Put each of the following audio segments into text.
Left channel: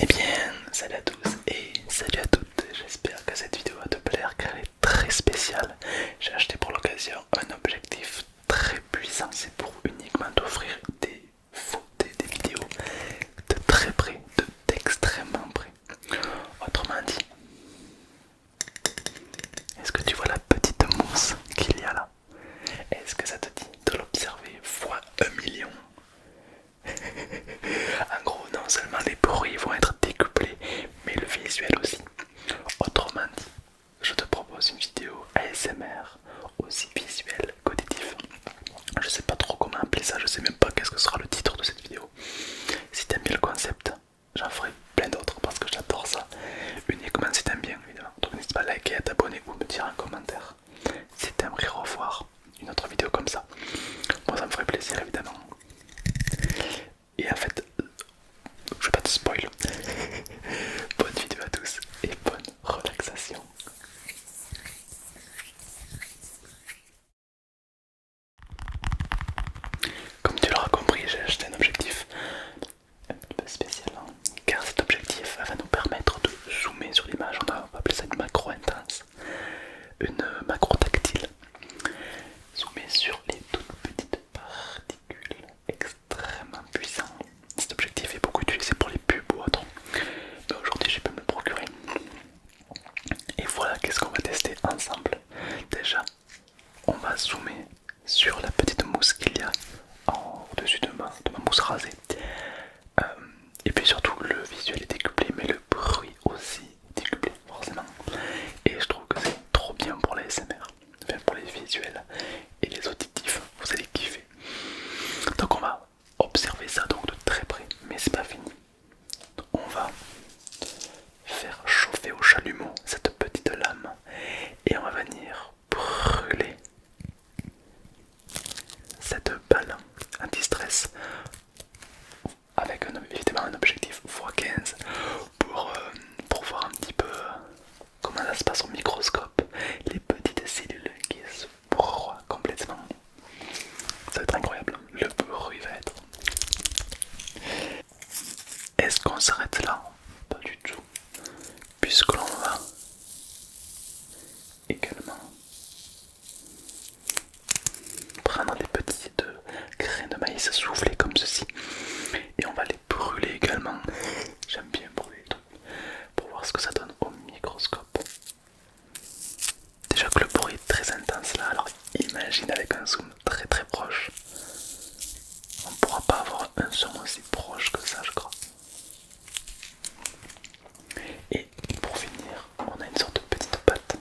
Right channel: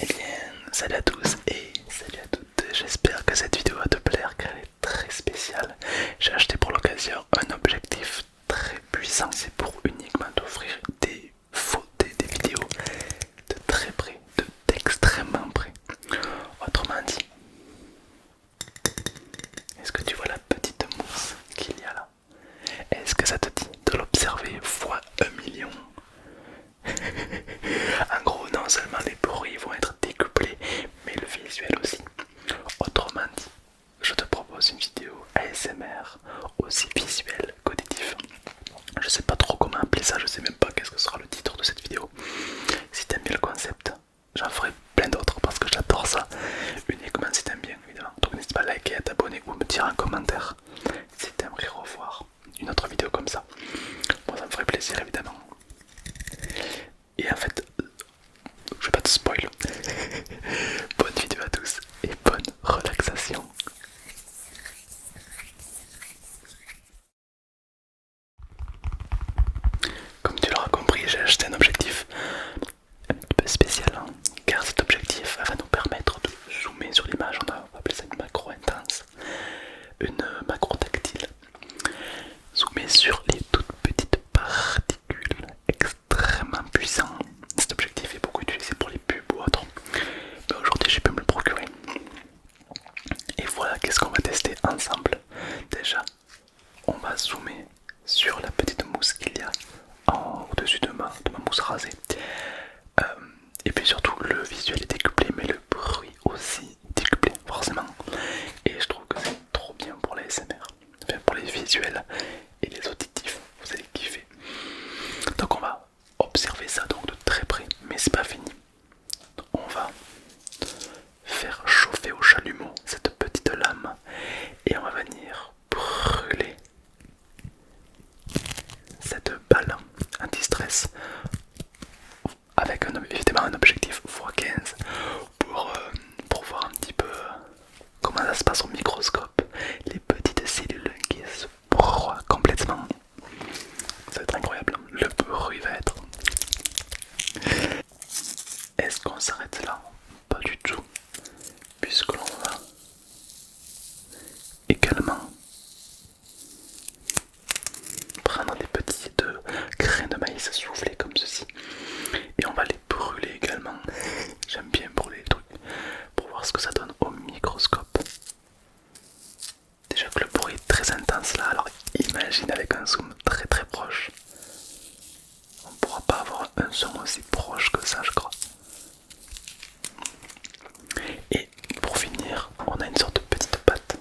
Eh bien, salut à tous et salut à toutes, j'espère que cette vidéo va te plaire car elle est très spéciale. J'ai acheté pour l'occasion un objectif très puissant, c'est pour uniquement t'offrir des photos, des vidéos de très près, d'extrêmement près. Autrement dit, est-ce que tu vois la petite mousse qu'il y a là? Est-ce que ça te dit de l'observer fois 1 million? En gros, non seulement les bruits vont être décuplés, mais le visuel aussi. Autrement dit, je te propose une vidéo ASMR aussi visuelle qu'auditive. Je sais pas trop comment appeler ça, je sais même pas qu'est-ce que sera le titre de cette vidéo. Si t'aimes bien le concept, j'en ferai plein d'autres parce que j'adore ça. Uniquement si t'aimes bien, évidemment. Donc n'hésite pas à liker, à t'abonner ou me dire un commentaire si t'aimerais revoir une autre vidéo comme ça. Moi ça me ferait plaisir évidemment. Et en fait, je vais pas te spoil. Bonne vidéo à tous et bonne relaxation. Comme tu l'auras compris, j'ai acheté un objectif un petit peu spécial, hein, car cet objectif va nous permettre de zoomer sur l'image. On va appeler ça une macro intense, une macro tactile. Zoomer sur les toutes petites particules extrêmement puissantes. Cet objectif est beaucoup utilisé pour les pubs ou autres, mais aujourd'hui j'ai pu me le procurer. Et voilà, qu'est-ce qu'on va tester ensemble. Déjà, on va zoomer sur la petite mousse qu'il y a au-dessus de ma mousse rasée. Euh, et puis surtout, le visuel est décuplé, mais le bruit aussi est décuplé, forcément. Et je trouve que c'est trop bien pour la SMR, enfin pour les visuels et les auditifs, vous allez kiffer. Donc on va observer ça donc de très près, mais c'est pas fini. On va faire chauffer au chalumeau cette petite lame et on va venir brûler cette balle anti-stress avec évidemment un objectif x15 pour voir un petit peu comment ça se passe au microscope, les petites cellules qui se broient complètement. Ça va être incroyable, le bruit va être... Est-ce qu'on s'arrête là? Pas du tout, puisque l'on va également prendre des petites graines de maïs soufflées comme ceci et on va les brûler également. J'aime bien brûler les trucs pour voir ce que ça donne au microscope. Déjà que le bruit est très intense là, alors imagine avec un zoom très très proche. On ne pourra pas avoir un son aussi proche que ça, je crois. Et pour finir, on a une sorte de petite pâte.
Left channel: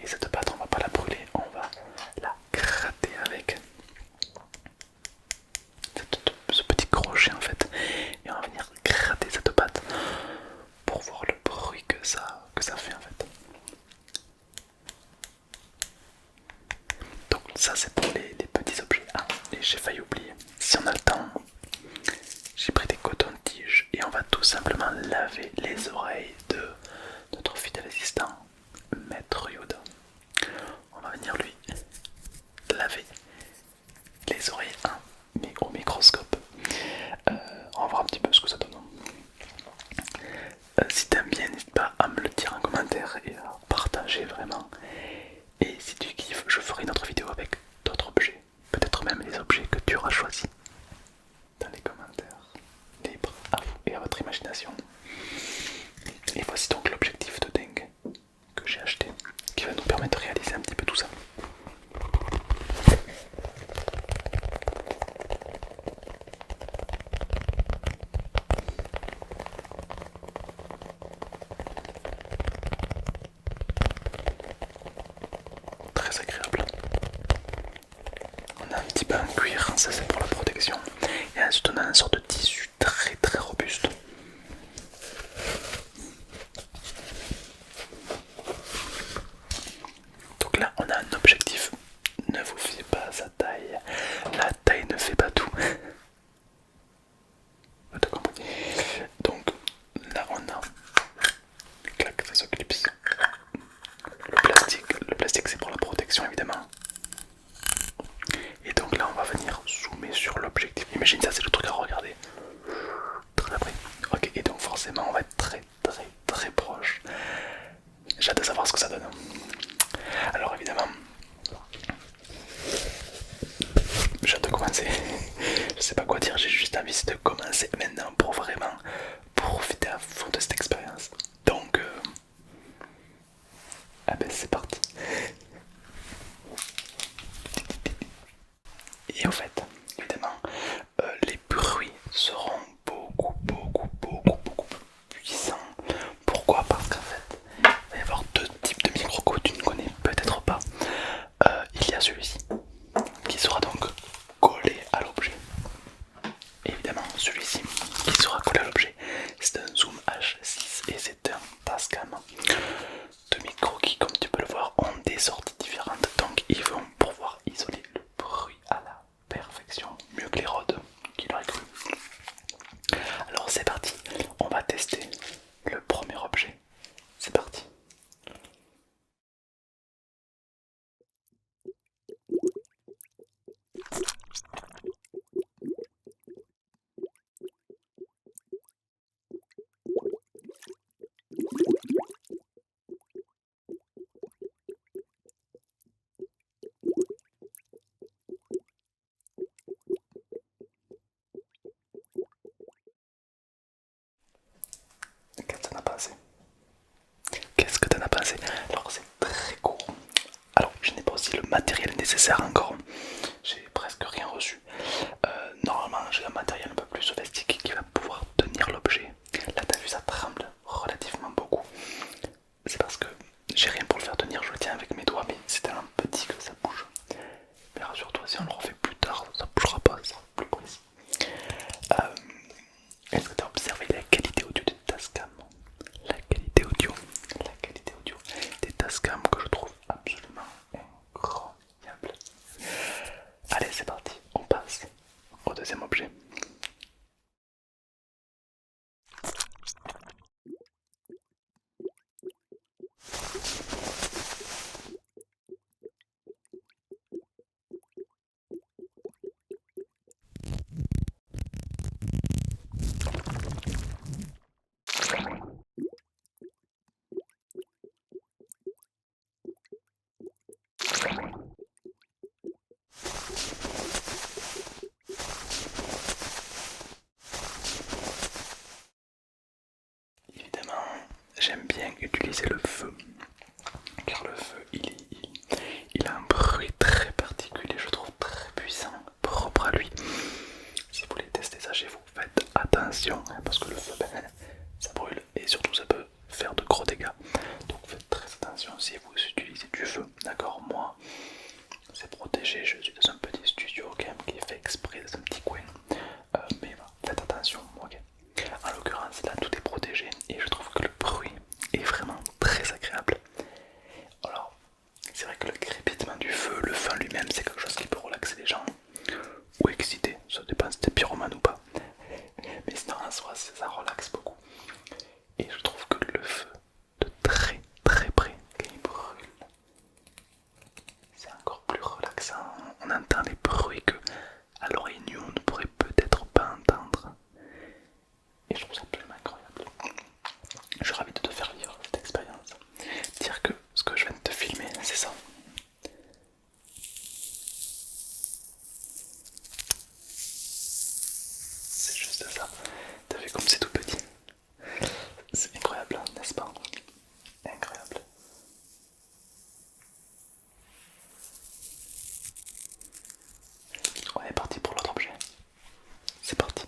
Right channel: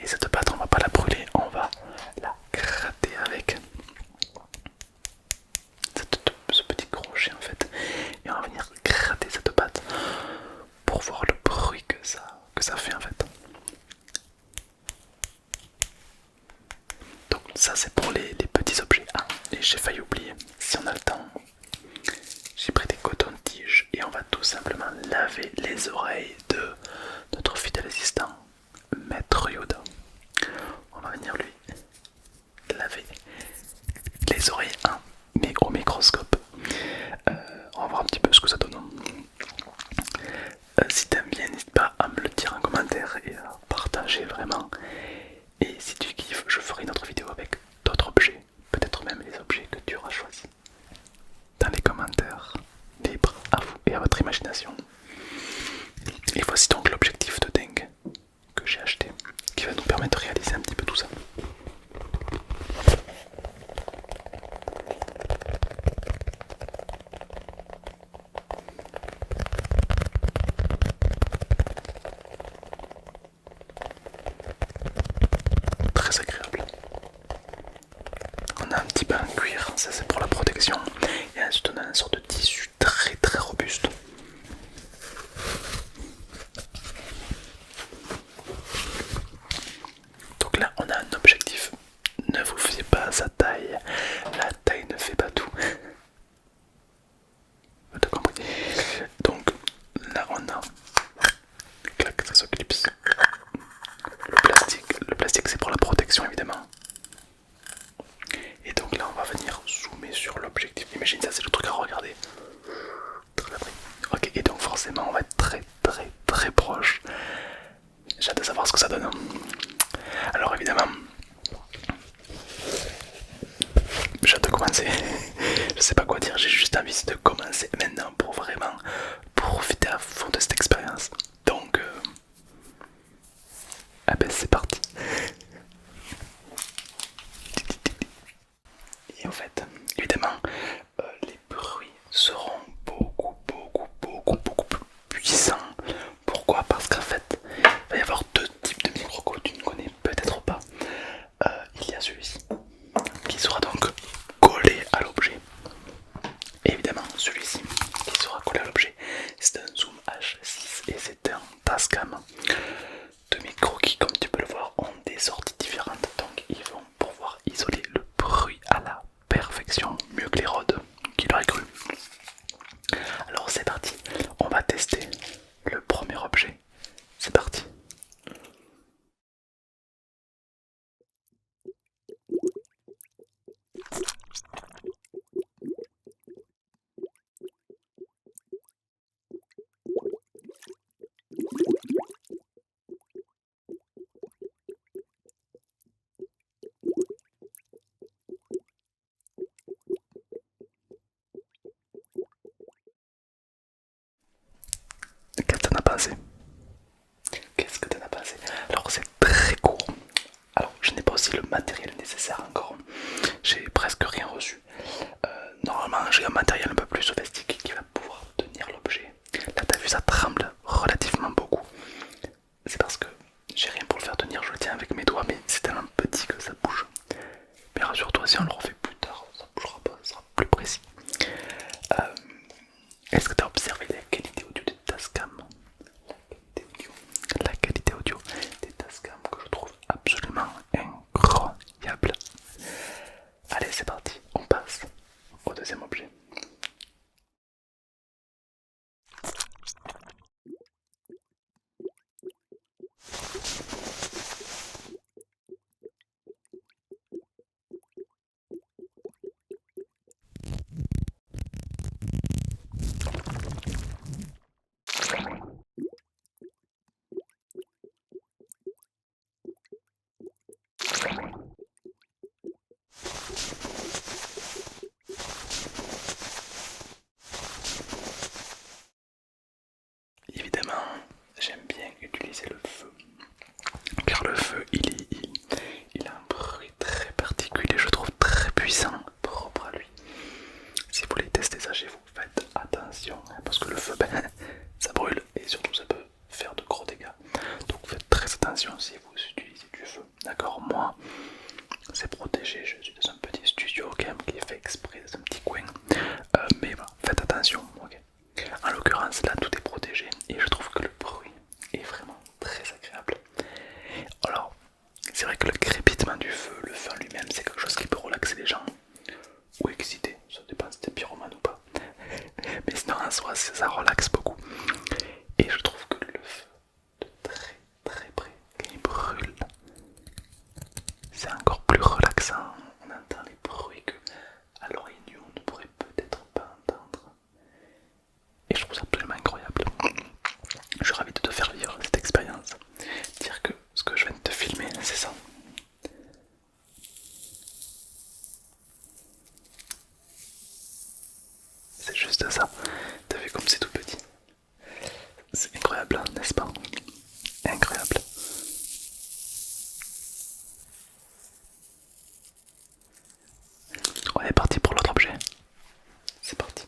Et cette pâte, on va pas la brûler, on va la gratter avec ce petit crochet en fait. Et on va venir gratter cette pâte pour voir le bruit que ça fait en fait. Donc ça c'est pour les petits objets. Ah, et j'ai failli oublier, si on a le temps, j'ai pris des cotons-tiges et on va tout simplement laver les oreilles de notre fidèle assistant, Maître Yoda. On va venir lui laver les oreilles, hein, mais au microscope. On va voir un petit peu ce que ça donne. Si t'aimes bien, n'hésite pas à me le dire en commentaire et à partager vraiment. Et si tu kiffes, je ferai une autre vidéo avec d'autres objets, peut-être même les objets que tu auras choisis dans les commentaires. Libre à vous et à votre imagination. Et voici donc l'objectif de dingue que j'ai acheté, qui va nous permettre de réaliser un petit peu tout ça. Très agréable. On a un petit bain en cuir, ça c'est pour la protection. Et ensuite on a une sorte de tissu très très robuste. Donc là on a un objectif. Ne vous fiez pas à sa taille. La taille ne fait pas tout. T'as compris. Donc là on a... Clac, ça se clipse. Le plastique c'est pour la protection évidemment. Et donc là on va venir zoomer sur l'objectif. Imagine ça, c'est le truc à regarder. forcément on va être très très très proche. J'ai hâte de savoir ce que ça donne. Alors évidemment, j'ai hâte de commencer. Je sais pas quoi dire, j'ai juste envie de commencer maintenant pour vraiment profiter à fond de cette expérience. Donc, ah ben c'est parti. Et en fait, évidemment, les bruits seront beaucoup plus puissants. Pourquoi? Parce qu'en fait, il va y avoir deux types de micros que tu ne connais peut-être pas. Il y a celui-ci qui sera donc collé à l'objet. Évidemment, celui-ci qui sera collé à l'objet, c'est un Zoom H6 et c'est un Tascam. Deux micros qui, comme tu peux le voir, ont des sorties différentes, donc ils vont pouvoir isoler le bruit à la perfection, mieux que les Rode, qui l'aurait cru. Alors c'est parti, on va tester le premier objet. C'est parti. Qu'est-ce que t'en as pensé? Qu'est-ce que t'en as pensé? Alors c'est très court. Alors je n'ai pas aussi le matériel nécessaire encore. J'ai presque rien reçu. Normalement j'ai un matériel un peu plus sophistiqué qui va pouvoir tenir l'objet. Là t'as vu, ça tremble relativement beaucoup. C'est parce que j'ai rien pour le faire tenir, je le tiens avec mes doigts, mais c'est tellement petit que ça bouge. Mais rassure-toi, si on le refait plus tard, ça bougera pas, ça sera plus précis. Euh, Est-ce que tu as observé la qualité audio des Tascam? La qualité audio des Tascam que je trouve absolument incroyable. Allez, c'est parti, on passe au deuxième objet. Évidemment, j'aime bien utiliser le feu, car le feu il a un bruit très particulier, je trouve très puissant, propre à lui. Si vous voulez tester ça chez vous, faites attention, hein, parce que le feu, ben, ça brûle et surtout ça peut faire de gros dégâts. Donc faites très attention si vous utilisez du feu. D'accord, moi c'est protégé, je suis dans un petit studio quand même qui est fait exprès dans un petit coin. Mais voilà, faites attention, ok. En l'occurrence là tout est protégé et je trouve que le bruit est vraiment très agréable. Alors, c'est vrai que le crépitement du feu, le feu lui-même, c'est quelque chose qui peut relaxer les gens ou exciter, ça dépend si t'es pyromane ou pas. Mais sinon, en soi, ça relaxe beaucoup. Et je trouve que le feu, de très très près, quand il brûle, c'est encore plus relaxant. On entend des bruits que à l'oreille nue on ne pourrait peut-être pas entendre. Et je trouve ça absolument incroyable. Je suis ravi de te faire vivre cette expérience. Dire que ce que je viens de te filmer, c'est ça. C'est juste ça. T'as vu comme c'est tout petit. C'est incroyable, n'est-ce pas? Incroyable. On est parti pour l'autre objet. C'est parti.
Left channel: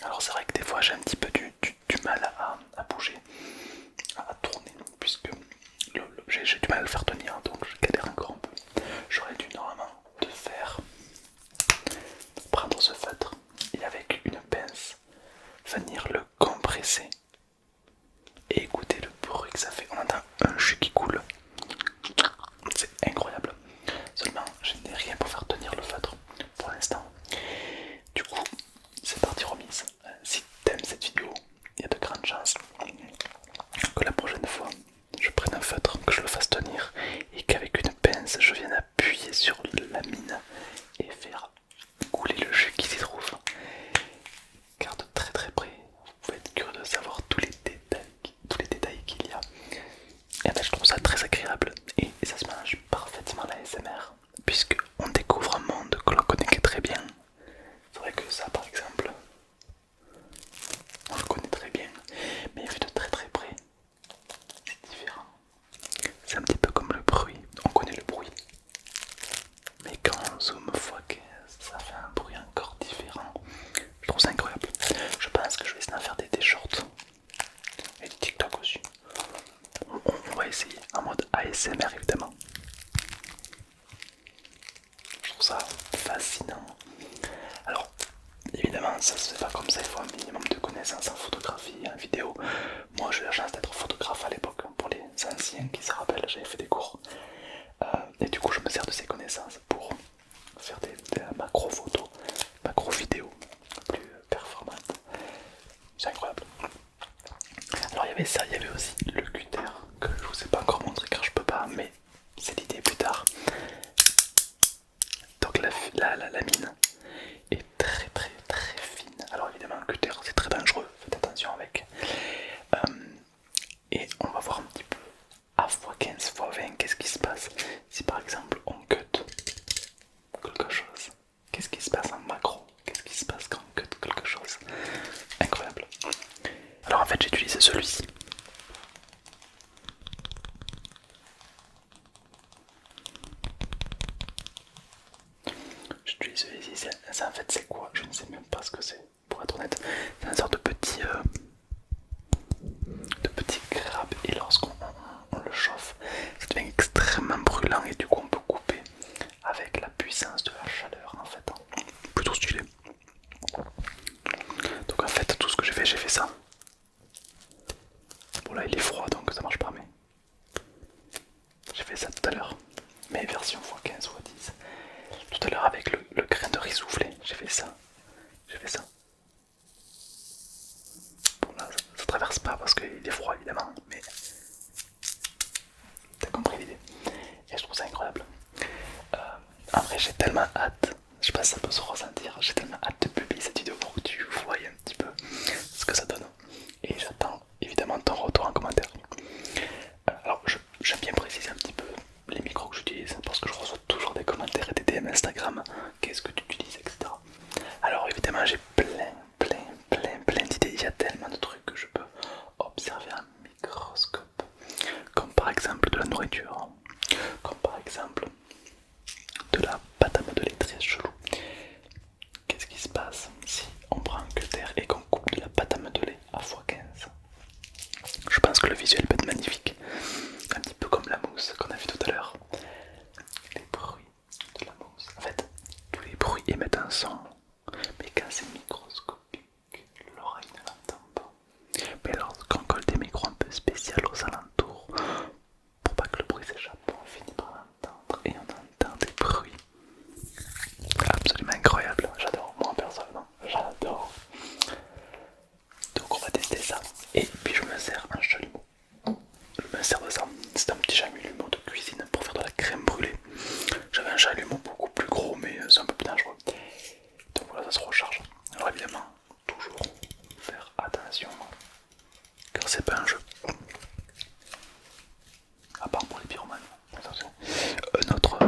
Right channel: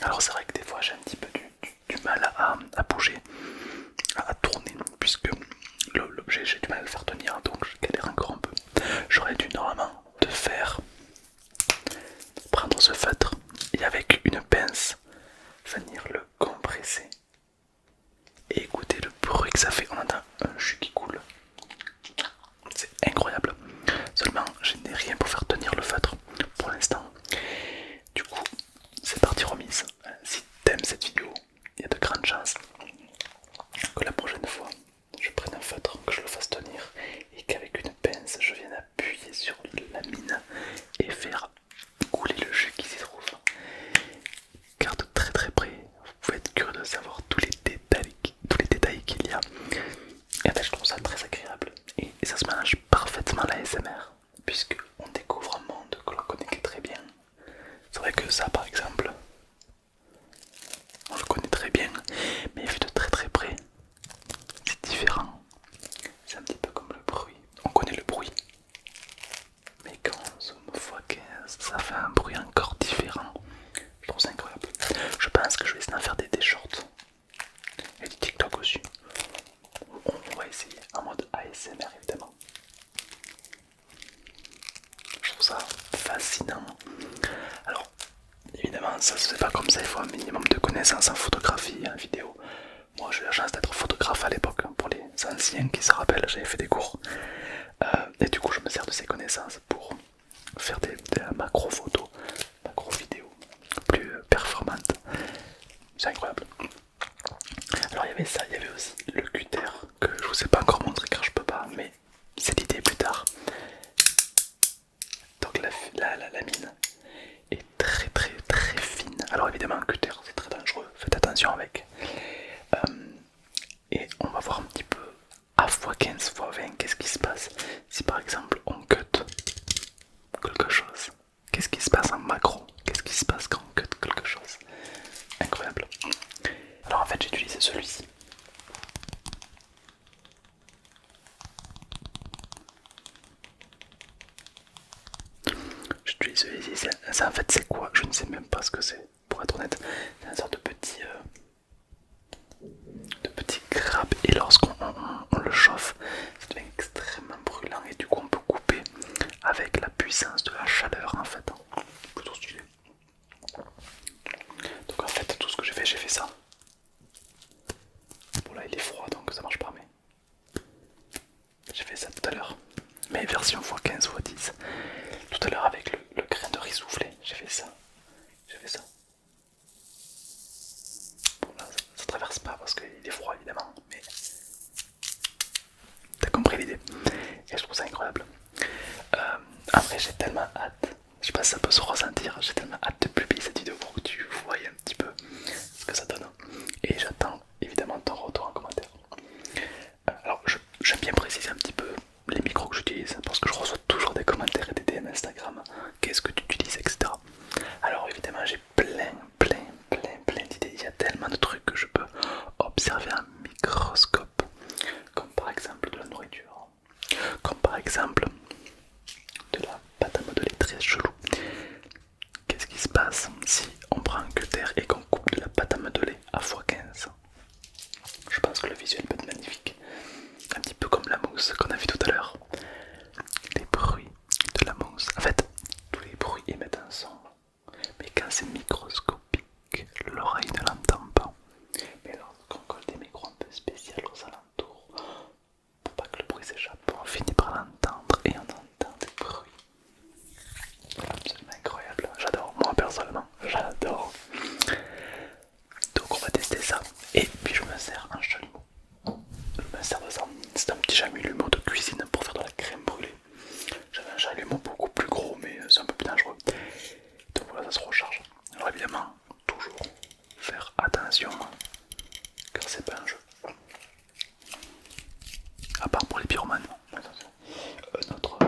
Alors c'est vrai que des fois j'ai un petit peu du mal à bouger, à tourner, puisque l'objet j'ai du mal à le faire tenir, donc je galère encore un peu. J'aurais dû normalement te faire prendre ce feutre et avec une pince venir le compresser et écouter le bruit que ça fait. On entend un jus qui coule, c'est incroyable. Seulement je n'ai rien pour faire tenir le feutre pour l'instant. Du coup c'est parti remise. Si t'aimes cette vidéo, il y a de grandes chances que la prochaine fois je prenne un feutre, que je le fasse tenir et qu'avec une pince je vienne appuyer sur la mine et faire couler le jus qui s'y trouve. Car de très très près, vous pouvez être curieux de savoir tous les détails qu'il y a. Et ben, je trouve ça très agréable et ça se mélange parfaitement à l'ASMR puisque on découvre un monde que l'on connaît que très bien. C'est vrai que ça par exemple, on le connaît très bien, mais vu de très très près, c'est différent. C'est un petit peu comme le bruit, on connaît le bruit. Mais quand on zoome x15, ça fait un bruit encore différent. Je trouve ça incroyable. Je pense que je vais essayer d'en faire des shorts et des TikTok aussi. On va essayer en mode ASMR évidemment. Je trouve ça fascinant. Alors, évidemment, ça se fait pas comme ça, il faut un minimum de connaissances en photographie et en vidéo. Moi, j'ai eu la chance d'être photographe à l'époque. Pour les anciens qui se rappellent, j'avais fait des cours. Et du coup, je me sers de ces connaissances pour faire des macro photos, macro vidéos plus performantes. C'est incroyable. Alors il y avait ça, il y avait aussi le cutter que je vous ai pas encore montré car je peux pas, mais c'est l'idée plus tard. Donc la mine est très très très fine. Alors évidemment le cutter c'est très dangereux, faites attention avec. Et on va voir un petit peu à x15, x20 qu'est-ce qui se passe si par exemple on cut quelque chose. Qu'est-ce qui se passe en macro? Qu'est-ce qui se passe quand on cut quelque chose? Incroyable. Alors en fait j'ai utilisé celui-ci. J'utilise celui-ci. Ça en fait c'est quoi? Je ne sais même pas ce que c'est. Pour être honnête, c'est une sorte de petit crabe et lorsqu'on le chauffe, ça devient extrêmement brûlant et du coup on peut couper avec la puissance de la chaleur en fait. Plutôt stylé. Donc en fait tout ce que j'ai fait ça. Bon là il est froid donc ça marche pas mais j'ai fait ça tout à l'heure. Mais version x15, x10. Tout à l'heure avec le grain de riz soufflé, j'ai fait ça. Bon là ça traverse pas parce qu'il est froid évidemment, mais t'as compris l'idée. Et je trouve ça incroyable. Après j'ai tellement hâte, je sais pas si ça peut se ressentir, j'ai tellement hâte de publier cette vidéo pour que tu voies un petit peu ce que ça donne. Et j'attends évidemment ton retour en commentaire. Alors j'aime bien préciser un petit peu les micros que j'utilise parce que je reçois toujours des commentaires et des DM Instagram. Qu'est-ce que tu utilises, etc. Alors évidemment j'ai plein d'idées. Il y a tellement de trucs que je peux observer en microscope. Comme par exemple de la nourriture. Comme par exemple de la pâte à modeler très chelou. Qu'est-ce qui se passe si on prend un cutter et qu'on coupe de la pâte à modeler à x15? Je pense que le visuel peut être magnifique. Un petit peu comme la mousse qu'on a vu tout à l'heure. Les bruits de la mousse. En fait, tous les bruits émettent un son. Mais quand c'est microscopique, l'oreille ne l'entend pas. Mais lorsqu'on colle des micros un peu spéciaux aux alentours, pour pas que le bruit s'échappe, on finit par l'entendre et on entend des bruits absolument incroyables. J'adore, moi personnellement, j'adore. Donc on va tester ça. Et puis je me sers un chalumeau. Je me sers de ça. C'est un petit chalumeau de cuisine pour faire de la crème brûlée. J'avais un chalumeau beaucoup plus gros, mais c'est un peu plus dangereux. Donc voilà, ça se recharge. Alors évidemment, toujours faire attention, car c'est pas un jeu. À part pour les pyromanes. Attention. Un autre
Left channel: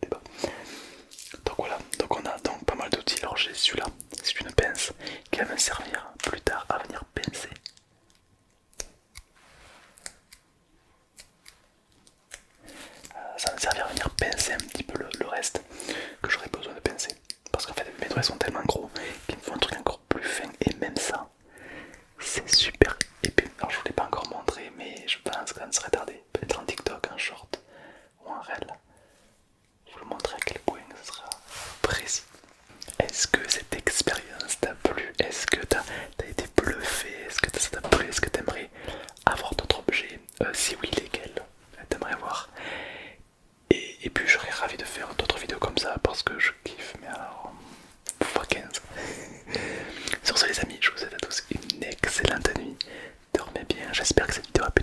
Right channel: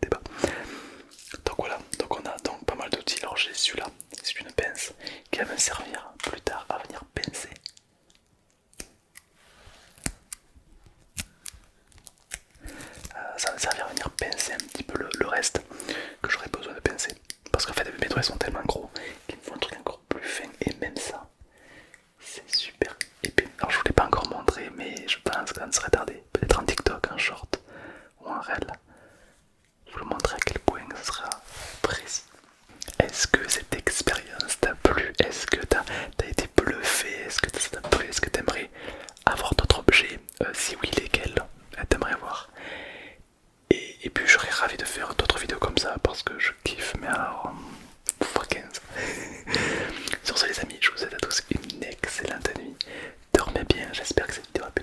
débat. Donc voilà, donc on a donc pas mal d'outils. Alors j'ai celui-là, c'est une pince qui va me servir plus tard à venir pincer. Ça va me servir à venir pincer un petit peu le reste que j'aurais besoin de pincer. Parce qu'en fait mes doigts sont tellement gros qu'ils me font un truc encore plus fin. Et même ça, c'est super épais. Alors je vous l'ai pas encore montré, mais je pense ça ne serait tardé. Peut-être en TikTok, en short ou en réel. Je vous le montrer à quel point ça sera précis. Est-ce que cette expérience t'a plu? Est-ce que t'as été bluffé? Est-ce que ça t'a plu? Est-ce que t'aimerais avoir d'autres objets? Si oui, lesquels t'aimerais voir? Et puis je serais ravi de faire d'autres vidéos comme ça parce que je kiffe, mais alors x15. Sur ce les amis, je vous souhaite à tous une excellente nuit. Dormez bien, j'espère que cette vidéo a pu